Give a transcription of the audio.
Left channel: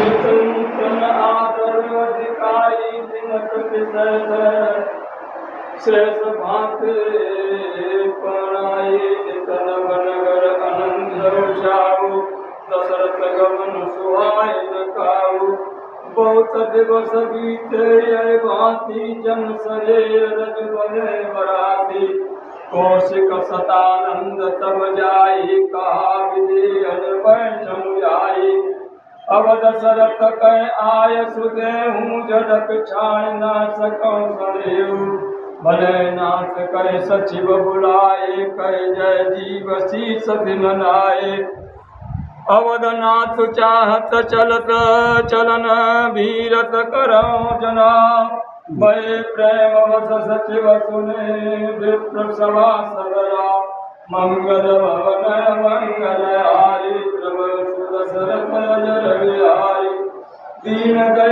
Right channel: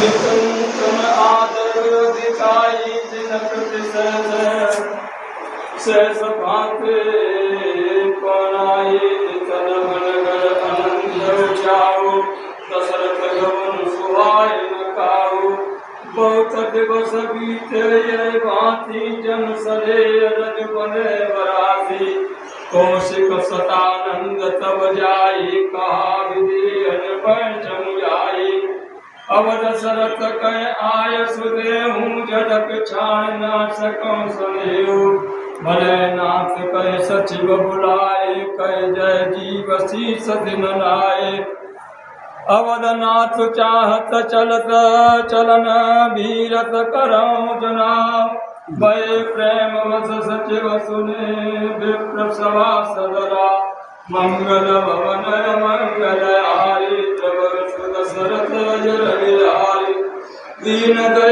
नितंतम आदर अधिकाई जिनकति सहस भांते पणाई नितन मनगर आनंद जाओ दशरथ गमन सुहाय न काऊ बहुत दिवस बीते यह भांति जन सजे रज बने बराती कौशिक सतानंद तब जाई कहा विधि अनपय जमुयाई अब दशरथ कह आय सुदेहूँ जदक छाण ना सकौ सनेहु भले नाथ कह सचिव बुलाए कह जय जीव शीस दिन लाए अवधनाथ चाहत चलत चलन भीरत करौ जना भय प्रेम वस सचिव सुने विप्र सभा सदरा मंगल भवन मंगल हारी प्रभु दशरथ जय बिहारी दीन दया